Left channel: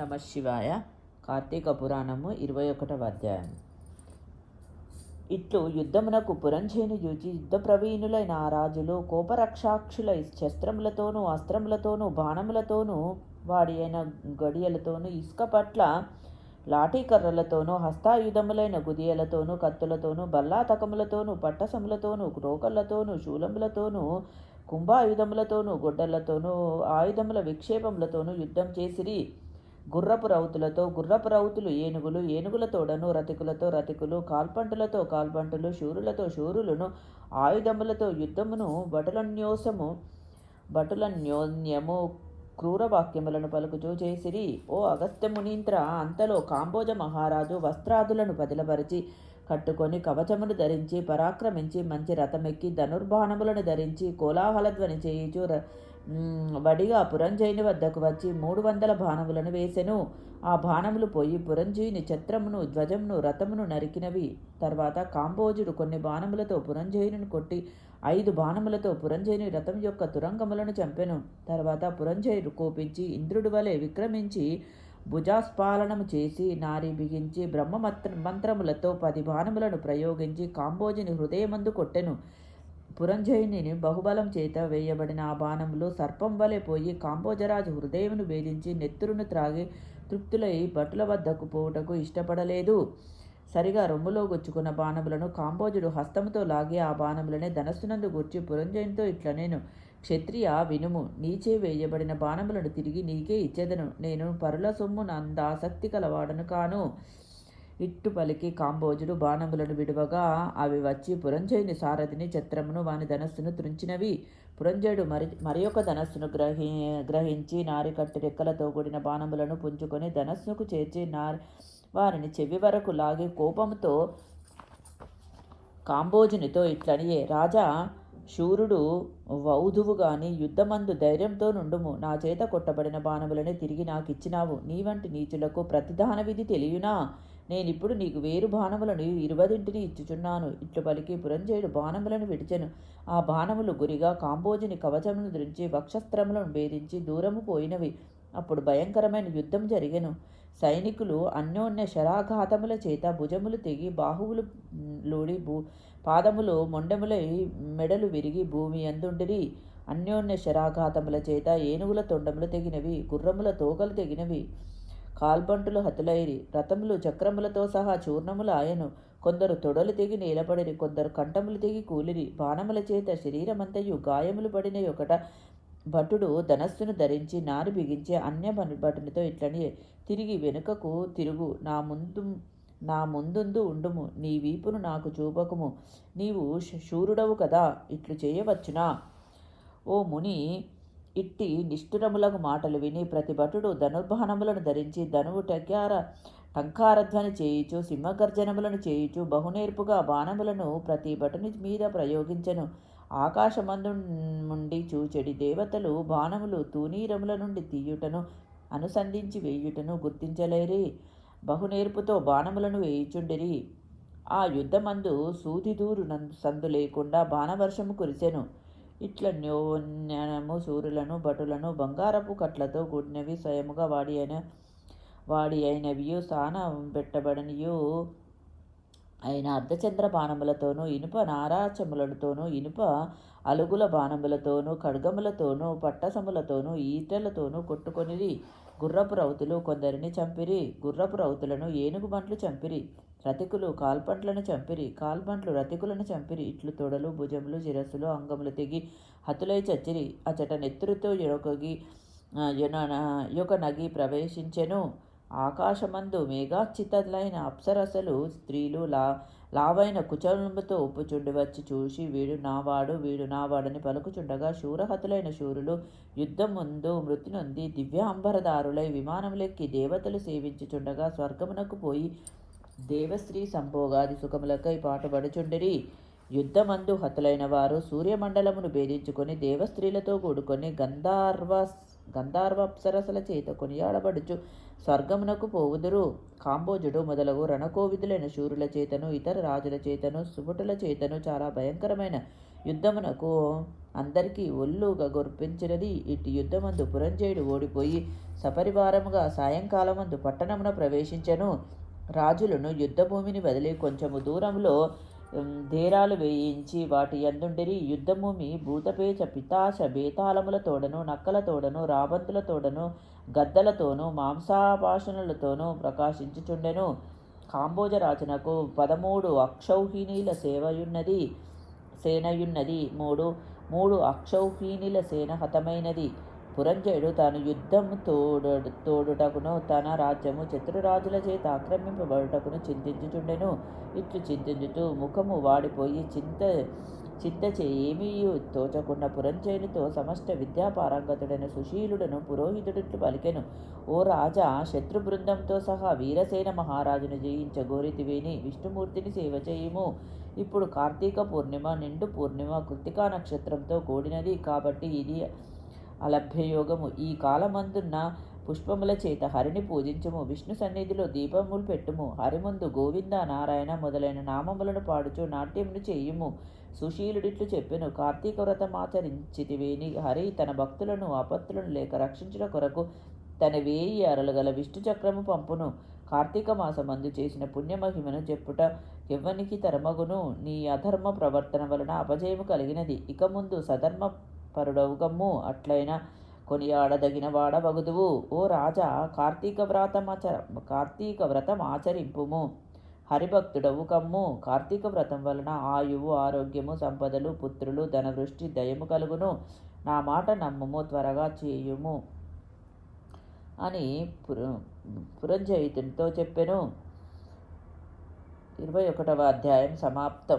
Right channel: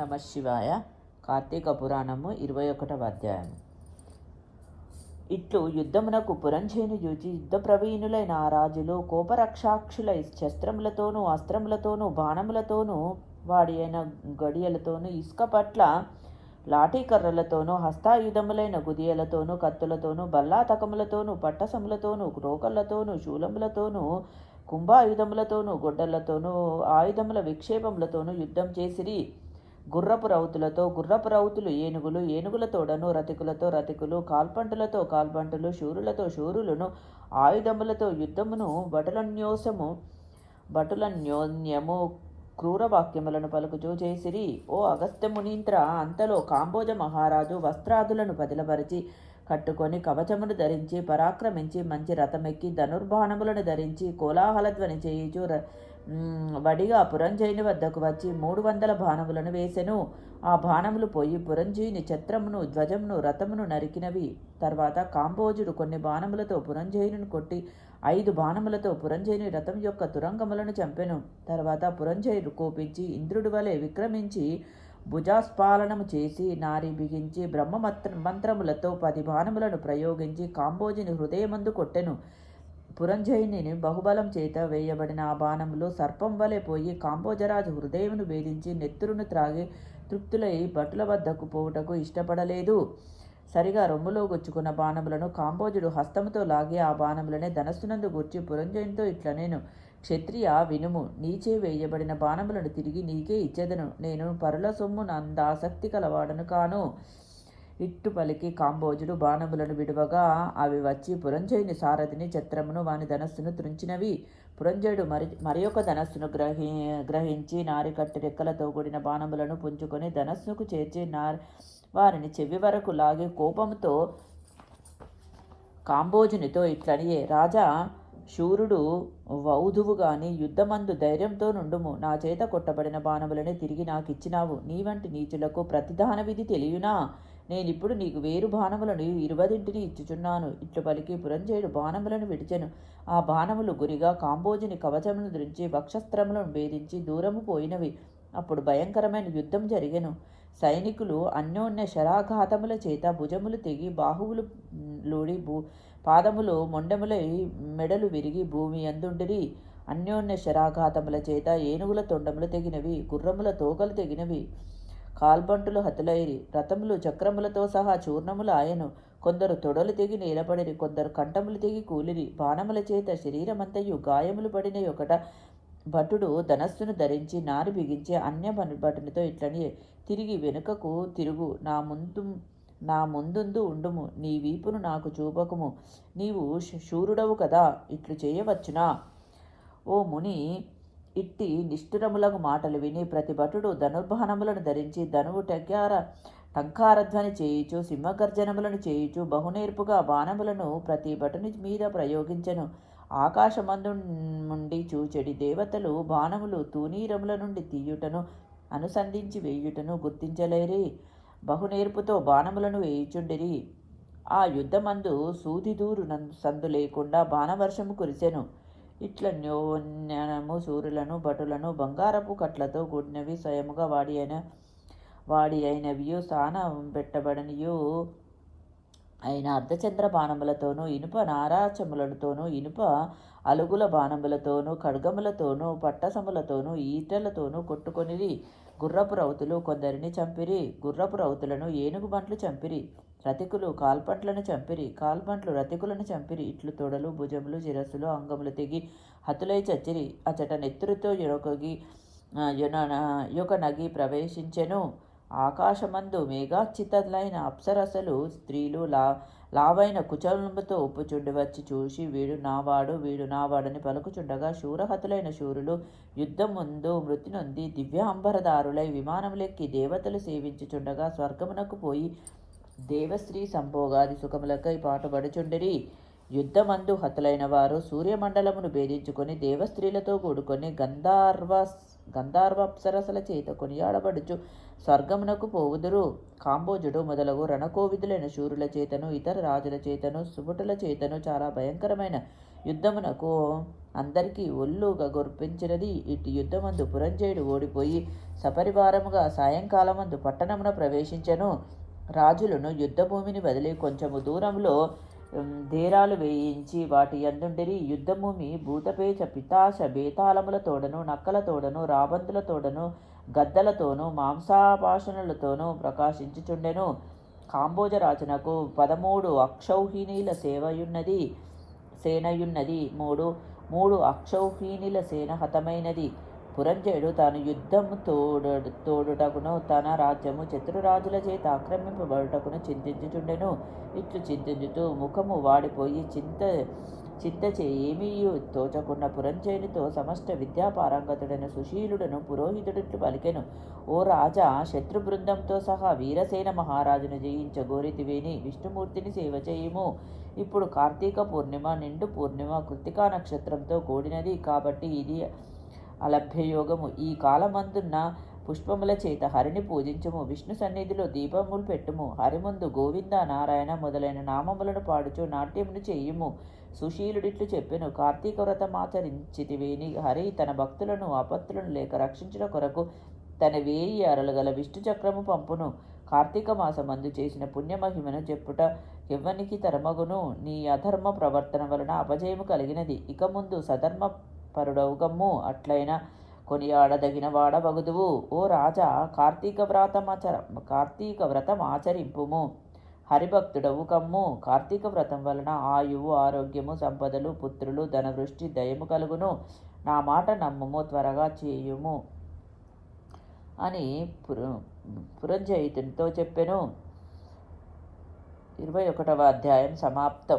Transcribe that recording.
నమ శివాయ కార్తీక పురాణము ఇరవై ఒకటవ అధ్యాయం ఇట్లు యుద్ధమునకు పురంజేని చూచి యుద్ధ ప్రవీణులైన ఆ రాజులు కోపరక్షాక్షులై శస్త్రములతోనూ అస్త్రములతోనూ బాణములతోనూ వాడి అయిన గడియలతోనూ ఇసుక పట్ల లాఠీకర్రలతోనూ హస్తాయుధములైన గుదియలతోనూ కత్తులతోనూ బల్లాతకములతోనూ పట్టసములతోనూ క్రోకళ్ళతోనూ శూలములతోనూ కుంభాయుధములతోనూ గొడ్డలతోనూ ఆయుధముల విక్షేపములతోనూ యుద్ధం చేసిరి. గుర్రపు రౌతులతో గుర్రపు రౌతులు ఏనుగులు ఏనుగుల తోడను రతికులతో రతికులు కాల్పంటులతో కాల్పంటులు శూరులతో శూరులను ఆయుధములతో యుద్ధమును భటులన్యోసము భటులన్యోన్యము క్రూర వాక్యములను పలుకుచూ చేసిరి. ఓ అగస్త్యమునీంద్ర అంతలో కాంబోజ మహారాజు వస్త్రాదులను పదిలపరిచి కట్టుకొని కవచమును ధరించి పరాక్రమించి మంచి రథమెక్కి ధనుర్బాణములను ధరించి కోలాహలధ్వని చేయుచు వడిగా పురంజయుని వద్దకు వచ్చి మూడు వందల బాణములను వేసెను. ఆ బాణములు పోయి పురంజయుని ఛత్రమును ధ్వజమును రథమును నరికినవి. తర్వాత కాంబోజుడు కొన్ని బాణములతో పురంజయుని కొట్టి ఐదు బాణములతో పురంజయుని రథం యొక్క తురంగములను చంపెను. తర్వాత పురంజయుడు కోపించి ఇంద్రుడి వలె విక్రమించి భుజాస్పాలనము చేసి నారి బిగించి బ్రహ్మ మంత్రములతో పది బాణములను ప్రయోగించి కాంబోజుని హృదయమందు కొట్టెను. పురంజయుని బహుబలం చేత వేయబడిన ఆ బాణములు సర్పం వలె పోయి కాంబోజరాజు హృదయమును భేదించి నెత్తురును త్రాగి తృప్తులై భటుల వద్దకు పోవుటకు ఇష్టపడలేదు. సరిగా రొమ్ములో గుచ్చుకున్న బాణములను కాంబోజుడు హస్తముతో లాగి ఆ బాణములనే ధనస్సునందు గుర్చి పురంజయునితో ఇట్ల నేను క్షత్రియ వినుము నీచే వేయబడిన బాణములను తిరిగి నీకే ఇచ్చేదను. నేను పరుల సొమ్ము నంద ఆసక్తి కలవాడను కాను. ఇట్టు పలికి కాంబోజుడు బాణములను విడువగా అవి వచ్చి పురంజయుని సారథిని ఛత్రమును వాని ధనస్సును త్రుంచినవి. పురంజయుడు మరి మరి ఒక ధనస్సును గ్రహి గ్రహించి నారికట్టు రెక్కలతో కూడిన బాణములను పుంజుకొని ధనస్సుకు చేర్చి నారి వారిని చెవి వరకు లాగి కోపంతో కాంబోజునితో ఇట్లనియే రాజా శూరుడు వౌధువు గాని యుద్ధమందు ధైర్యంతో నుండుము. నా చేత కొట్టబడిన బాణములనే తిరిగి నాకు ఇచ్చినావు నీ వంటి నీచులకు ప్రతిదాన విధి తెలియనా? నేనిప్పుడు నీకు వేరు బాణములను ఇరువదింటిని ఇచ్చుచున్నాను. ఇట్లు పలికి పురంజయుడు బాణములను విడిచెను. ఆ బాణములు గురిగా కాంబోజుని కవచమును ధరించి వక్షస్త్రములను భేదించి దూరము పోయినవి. అప్పుడు భయంకరమైన యుద్ధం జరిగెను. సైనికులు అన్యోన్య శరాఘాతముల చేత భుజములు తెగి బాహువులు లోడి భూ పాదములు మొండములై మెడలు విరిగి భూమి అందుండిరి. అన్యోన్య శరాఘాతముల చేత ఏనుగుల తొండములు తెగినవి. గుర్రముల తోకలు తెగినవి. కాల్బంటులు హతులైరి. రథములు చక్రములతో సహా చూర్ణములు ఆయను. కొందరు తొడలు తెగి నేలపడిరి. కొందరు కంఠములు తెగి కూలిరి. బాణముల చేత శరీరమంతయు గాయములు పడిన ఒకట భటుడు ధనస్సును ధరించి నారి బిగించి అన్య భటునితో ఇట్లని తిరిగి వెనుకకు తిరుగు. నా ముందు నా ముందుందు ఉండుము. నీ వీపును నాకు చూపకము. నీవు శూరుడవు కదా. ఇట్లు చేయవచ్చునా? ఓ ముని ఇట్టి నిష్ఠురములకు మాటలు విని ప్రతి భటుడు ధనుర్బాణములను ధరించి ధనువు టక్యార టంకారధ్వని చేయుచు సింహగర్జనములను చేయుచు బహునేర్పుగా బాణములను ప్రతి భటుని మీద ప్రయోగించెను. ఆకాశమందు నుండి చూచెడి దేవతలు బాణములు తూనీరముల నుండి తీయుటను అనుసంధించి వేయుటను గుర్తించలేరి. బహునేర్పుతో బాణములను వేయుచుండిరి. ఆ యుద్ధమందు సూదిదూరు సందు లేకుండా బాణవర్షము కురిసెను. ఇట్ల న్యోన్యము సూర్యులను భటులను బంగారపు కట్లతో కూడినవి స్వయముగా వాడి అయిన వాడి అయినవియు స్థాన పెట్టబడినయు అయిన అర్ధచంద్ర బాణములతోనూ ఇనుప నారాచములతోనూ ఇనుప అలుగుల బాణములతోనూ ఖడ్గములతోనూ పట్టసములతోనూ ఈటలతోనూ కొట్టుకొనిరి గుర్రపు రౌతులు కొందరిని చంపిరి గుర్రపు రౌతులను ఏనుగు బంట్లు చంపిరి. రతికులు కాల్పంట్లను చంపిరి కాల్పంట్లు రతికులను చంపిరి. ఇట్లు తొడలు భుజములు శిరస్సులు అంగములు తెగి హతులై చచ్చిరి. అచట నెత్తురుతో యొరకొగి యొక్క నగి ప్రవేశించెను. ఆకాశమందు మేఘాచితలైన అప్సరసలు స్త్రీలు లా లావైన కుచలముతో ఒప్పుచుండి వచ్చి చూసి వీడు నావాడు వీడు నావాడని పలుకుచుండగా శూరహతులైన శూరులు యుద్ధం ముందు మృతి నొంది దివ్యాంబరదారులై విమానములెక్కి దేవతలు సేవించుచుండగా స్వర్గమునకు పోయి దేవశ్రీ సంభోగాది సుఖములకై పాటుపడుచుండిరి. యుద్ధమందు హతులైన వారు సూర్యమండలమును భేదించుకొని దేవస్త్రీలతో కూడుకొని గంధార్వ గంధార్వప్సరసల చేత కొనియాడబడుచు స్వర్గమునకు పోవుదురు. కాంబోజుడు మొదలగు రణకోవిదులైన శూరుల చేతను ఇతర రాజుల చేతను సుపుటుల చేతను చాలా భయంకరమైన యుద్ధమునకు అందరికీ ఒళ్ళుగా గొర్పించినది. ఇటు యుద్ధమందు పురంజయుడు ఓడిపోయి సపరివారముగా సాయంకాలమందు పట్టణమున ప్రవేశించెను. రాజులను యుద్ధభూమిని వదిలి కొంచెము దూరంలో ధీరాలు వేయించి వాటి యందుండిరి. యుద్ధభూమి భూతపేచ పితాశ బేతాళముల తోడను నక్కల తోడను రాబంతుల తోడను గద్దలతోనూ మాంసాపాషణలతోనూ ప్రకాశించుచుండెను. కాంబోజరాజునకు పదమూడు అక్షౌహిణీల సేవయున్నది సేనయున్నది. మూడు మూడు అక్షౌహిణీల సేన హతమైనది. పురంజయుడు తాను యుద్ధము తోడు తోడుటకును తన రాజ్యము చతురురాజుల చేత ఆక్రమింపబడుటకును చింతించుతుండెను ఇచ్చు చింతించుతూ ముఖము వాడిపోయి చింత చింత చేమీ తోచకున్న పురంజయునితో సమస్త విద్యాపారంగతుడైన సుశీలుడను పురోహితుడికి పలికెను. ఓ రాజా శత్రు బృందంతో సహా వీరసేన మహారాజును జయించగోరితివేని విష్ణుమూర్తిని సేవ చేయుము. ఇప్పుడు కార్తీక పూర్ణిమ నిండు పూర్ణిమ కృతికా నక్షత్రంతో కూడినది కాబట్టి ఇది అలభ్యయోగము. ఈ కాలమందున్న పుష్పముల చేత హరిని పూజించుము. విష్ణు సన్నిధిలో దీపములు పెట్టుము. హరి ముందు గోవింద నారాయణ మొదలైన నామములను పాడుచు నాట్యములు చేయుము. సుశీలుడిట్లు చెప్పెను కార్తీక వ్రతం ఆచరించితివేని. హరి తన భక్తులను ఆపత్తులను లేక రక్షించిన కొరకు తన వేయి అరలు గల విష్ణు చక్రము పంపును. కార్తీక మాసమందు చేసిన పుణ్యమహిమను చెప్పుట ఎవ్వనికి తరమగును. నీ అధర్మ ప్రవర్తన వలన అపజయము కలిగినది. ఇక ముందు సధర్మ పరుడవుగమ్ము అట్లయినా కొనియాడదగిన వాడవగుదువు ఓ రాజా కార్తీక వ్రతమాచర కార్తీక వ్రతం ఆచరింపుము. హరిభక్తుడవు కమ్ము. కార్తీక వ్రతం వలన ఆయువు ఆరోగ్యము సంపదలు పుత్రులు ధనవృష్టి దయము కలుగును. నా మాట నమ్ముము త్వరగా చేయుము అని పుర పురంజయితునితో చెప్పెను. ఇరవై ఒకటవ అధ్యాయం సమాప్తం.